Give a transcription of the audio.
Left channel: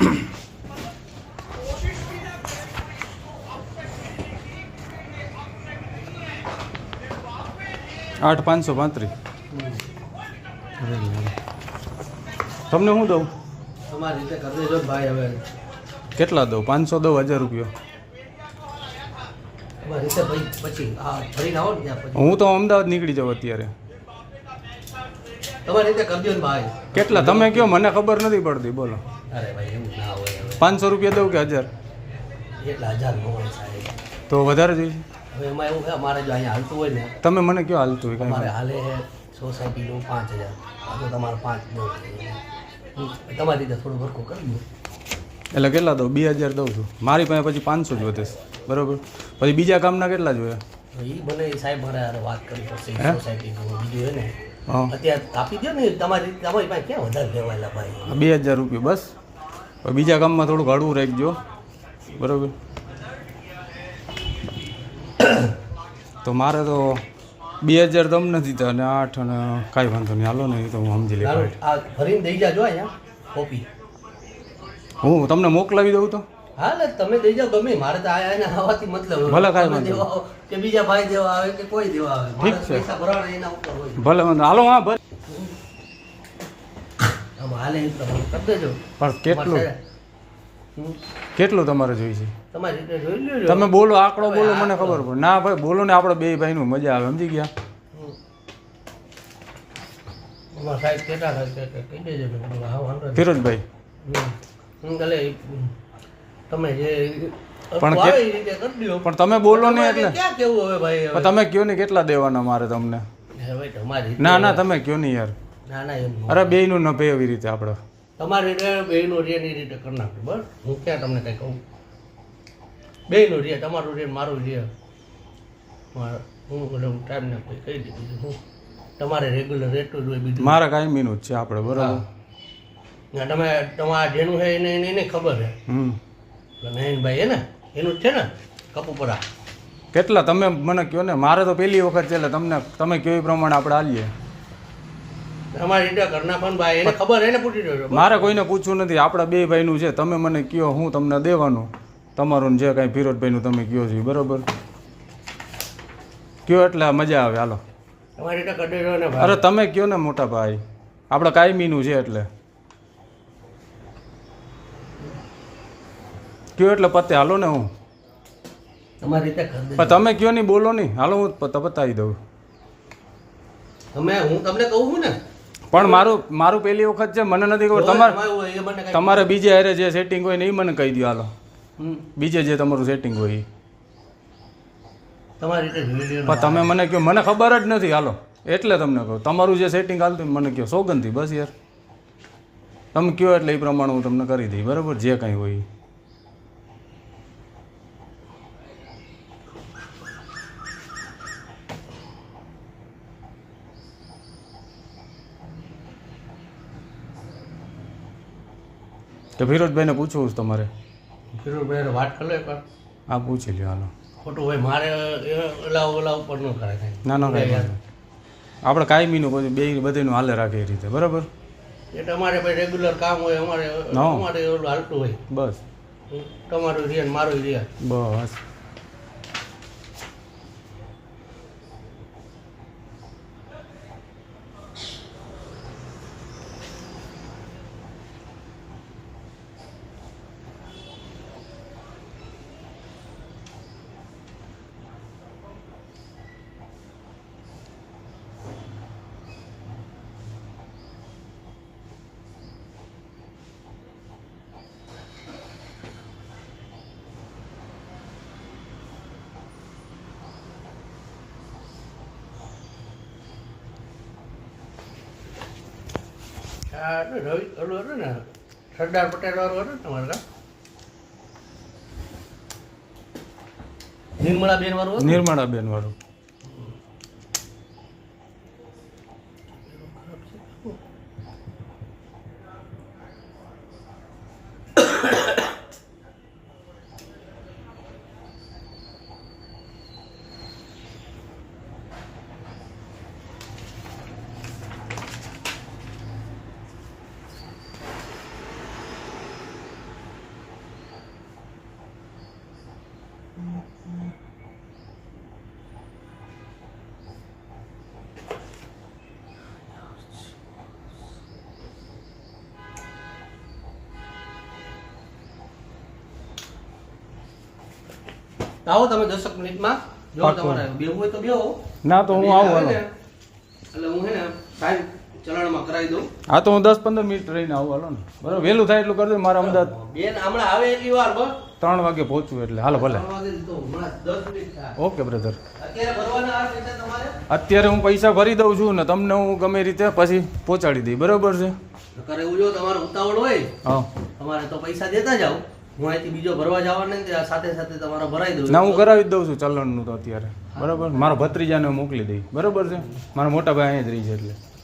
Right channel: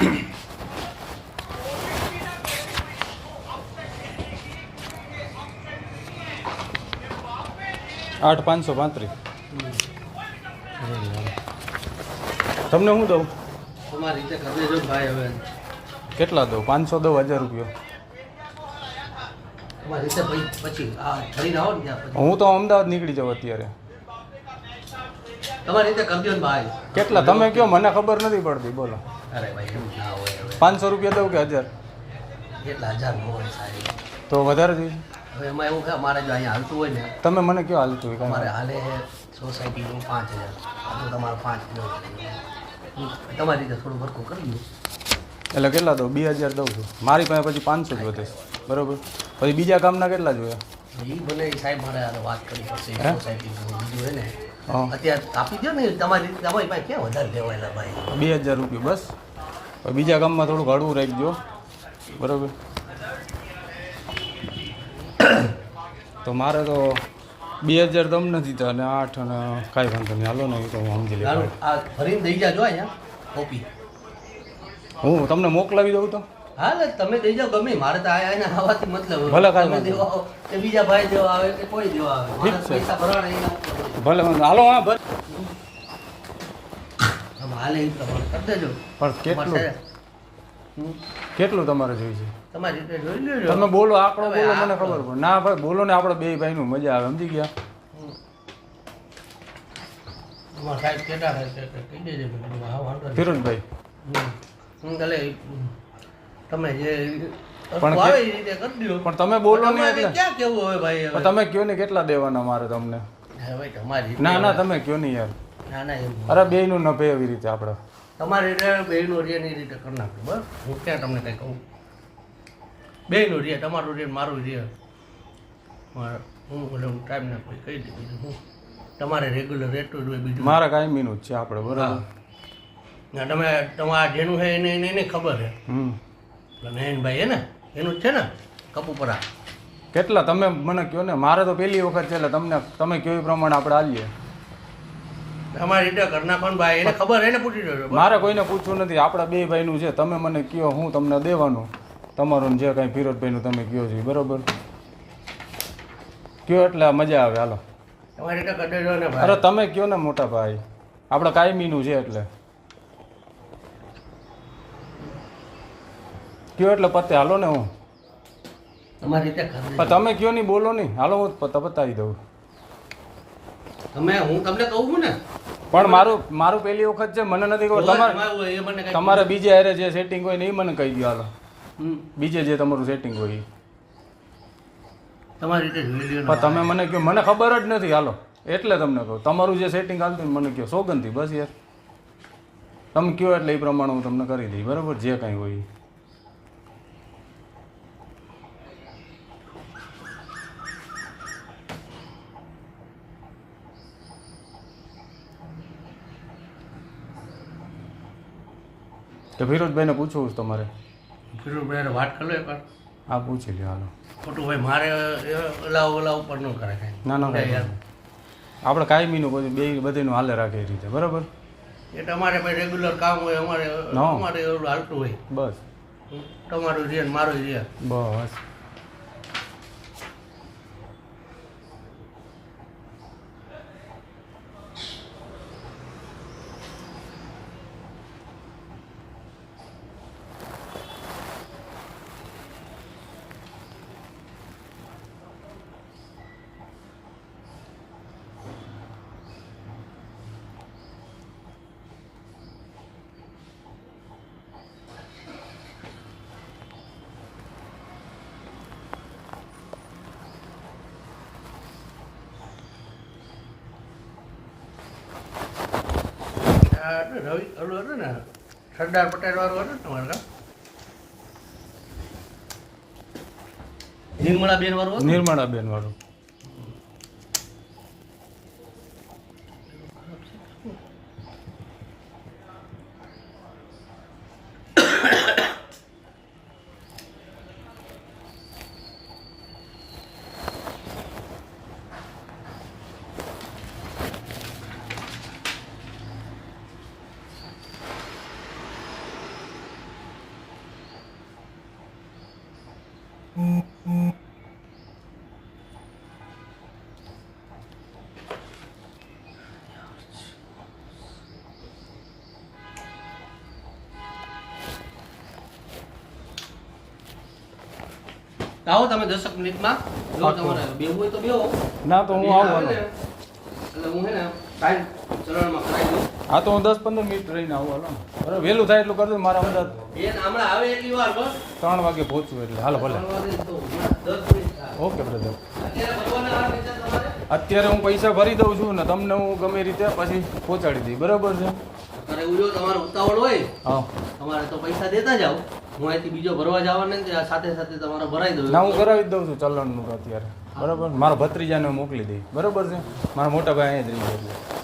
8,535 તમને હું દઉં? તમારી રીતે કરી દેજો ભાઈ. હવે કેટલા દઉં? 500 દઉં? 1000 રૂપિયા? તમારી રીતે ભાઈ પછી ફરીને આવો ને ત્યાં પછી હું તો અમદાવાદ નીકળી જાઉં અત્યારે. તમારી રીતે કરજો ને ભાઈ. કેટલા તમે કહો, મને ખબર નથી પડતી. બોલો. અરે ભાઈ એવું ના હોય. હવે 500 રૂપિયા દઉં કે 1000? એટલા 1000 નો હોય સાહેબ. તો વધારે જોઈએ? હવે એમાં એવું છે અમારે જો અહીંયા હાલતું હોય ને, તમે મને કયો હાલતું હોય? અમારે હાલે સોસાયટીનું 5000, આ તો તમારે 5 દઉં. તમારી રીતે થોડું ભરખું કરી દઉં. એટલે કેટલા દઉં? 2000 દઉં છું. મારી પાસે પછી 500 જ વધે છે. બરાબર. પછી બીજા કામના કેટલા જોઈએ? એ બને સાહેબ મારે હારે વાત કરવી પડશે. હે? સોસાયટીનું બીજું હોય ને હા. અત્યારે આપી દો ને. તમારી પાસે ક્યાં વધારે લેવાયેલા ભાઈ? 2000 રૂપિયા બસ. હવે બીજા કામમાં થોડું ભાડું રાખજો. બરાબર. તો મારે તો 2000 તમને દીધા અને 8 અને કાંઈ વાંધો નહીં. હાલો ને, એ તો હું સમજી લઈશ. આ ભરીને દઈ જાજો અહીંયા કોપી. હું તમને મોકલાવી દઉં તો? હા એટલે તમે દઈ જાઓ ગમે. મારે તો આયા આવવાથી મતલબ ભલે કાંઈ તમે વાંધો દેવા આવો કે બીજા ભાઈ દેવા આવે કે કોઈ દેવા આવે, મારે ઠીક છે. પૈસા ભરવાના એના ઉપર હોય. ભલે વાંધો. હાલો. હા ભલે. આમ હાલે એ પ્રમાણે કરી દેજો. પણ કેટલું હમ. કેટલું તમારે જોઈએ છે? તમારી રીતે જોઈ લેજો. તમે બોલો, આંકડો હવે બોલો, મને આંકડો. ખબર પડે. ના ભાઈ બોલો ને, આપણે બે ભાઈનું મજા આવે. સમજી ગયા? હમ. તમારા સાહેબ કેટલા થાય છે કહી દેજો. હા વાંધો નહીં. ફિરોજભાઈ. એટલે તમે જે પણ આવે એ રીતે કરી દો. પણ તમે બોલો ને તમારે એટલે. ક્યાં કેવું હવે ભાઈ? હવે તમે કયો ને કેટલા દેવાના મારે તમને? હવે તમારી રીતે. ના ના, તમે કયો નહીં યાર. ના ના એમ અરે બેયનું ન પે એવી રીતે આપણે. તમારી રીતે બેયનું રે ની રીતે કરી નાખજો. બસ હું ક્યાં તમને કંઈ કહું. બેયનું રે, તમારું રે મારું રે. હું એટલે ટાઈમ ના કોઈ કહી દીધું. હું તમારે રેગ્યુલર રેટું જ હોય બીજું. મારા કાયમીનું જ છે આપણે. બરાબર. ના તમે તમારા જેનું છે એને ખબર છે. એટલે નયનભાઈ હે ને એનું જ છે ને કપુપરા. કેટલા તમે મને કહો ને. મારે તો પહેલી વખત છે એટલે તમને તમે કહો એ પ્રમાણે આપણે આવીએ. તમારી રીતે ઘરના પણ ભાઈ એને ખબર એને પૂછી દેજો. મારે કોઈને પૂછવું નથી. આપણા બે ભાઈનું છે. તમે મને કહો, હું તમને દેવાનું. તમારું જે કાંઈ ફિરોજભાઈનું તમે કહો છો. બરાબર. કયો એટલે મજા આવે. હાલો. તમારી રીતે કરી દેજો ને અરે ભાઈ. તમે કયો ને મોટા ભાઈ. આપણે કાયમીનું છે એટલે કયો એટલે પતે. હાલો ને. હું તમારી રીતે કરી પણ દેજો. તમે કયો નહીં, બોલો નહીં. હાલો હું પતાવી દઉં. હું તમને કહું છું ને. પણ મારું પહેલી વખત છે. મને નથી ખબર. તમારે એ મને કાંઈ તમારે બીજે હારે જે સેટિંગ હોય ને એ મને કહી દો. હાલો. હમ. બીજે જે તમારું સેટિંગ હોય એ. તમારી રીતે જોઈ લ્યો ને પણ તમે મને કહો, મને ખબર જ નથી. હાલો એટલે તમને કહું. તમારું જે સેટિંગ હાલતું હોય મને કહો. સોગંદથી બસ યાર. તમે કહો એટલે એ પ્રમાણે હું તમને કરી દઈ. બરાબર. જે કાંઈ હોય એ. તો ફિરોજભાઈને પૂછવું છે તમારે? ફિરોજભાઈ વાત કરી લો એકવાર. હા પૂછી લ્યો. હાલો. ખોટું ભાઈ મારે ઓલા ઉપર ન કરે કાંઈ. ના ના યાર આપણે કાયમીનું પછી બે બધીનું હાલે રાખે એ રીતે. બરાબર. એ તમારે ભાઈ રેગ્યુલર કામ હોય. અમારે હા. અમારે ઓલું હાલતું હોય. બસ તમારું રે ને મારું રે. બસ. રવિ ઓલું હતું ને સરદાર પટેલ વાળું હતું ને તમારે કામ નિર્મળાબેન વાળું હતું ને? નિર્મળાબેન વાળું. આવો તમે 10 મિનિટમાં જો તમારે બેવું હોય તો બેહો. ના તો હું બેન આવું આવે ને, હાલો. એટલે હું હે ને સાહેબ ચલણમાં કરાવી દઉં. હા તો હું 10-15 મિનિટ રહીને આવું હાલો ને બરાબર વહેલું થાય એટલું કરજો મારા અમદાવાદ બેન હમણાં આવે એટલી વાર બસ 3 વાગે પહોંચવું એટલે હાલો ભલે 3 વાગે તો હમણાં 10 મિનિટ થાય. ઓકે બ્રધર અત્યારે ભરવાના આવે પૈસા તમારે અત્યારે હું પૈસા ભરી દઉં છું ને તમને હું ગમે એ રીતે પછી પહોંચાડી દઈ બરાબર છે કરે એવું જો તમારે ઉતાવળ હોય હા તમારે તો પૈસા દેતા જાઓ. હું અહીંથી બીજો ભરવા જવાના ને ત્યાં સાથે સાથે તમારે ભરાઈ દઉં. ના હું કરાવી જ દઉં છું ચલણનું તો અત્યારે બરાબર મારા ભત્રીજાને હું મોકલી દઈ બરાબર છે મારા મોટા ભાઈ અહીંયા જ રહી ગયા છે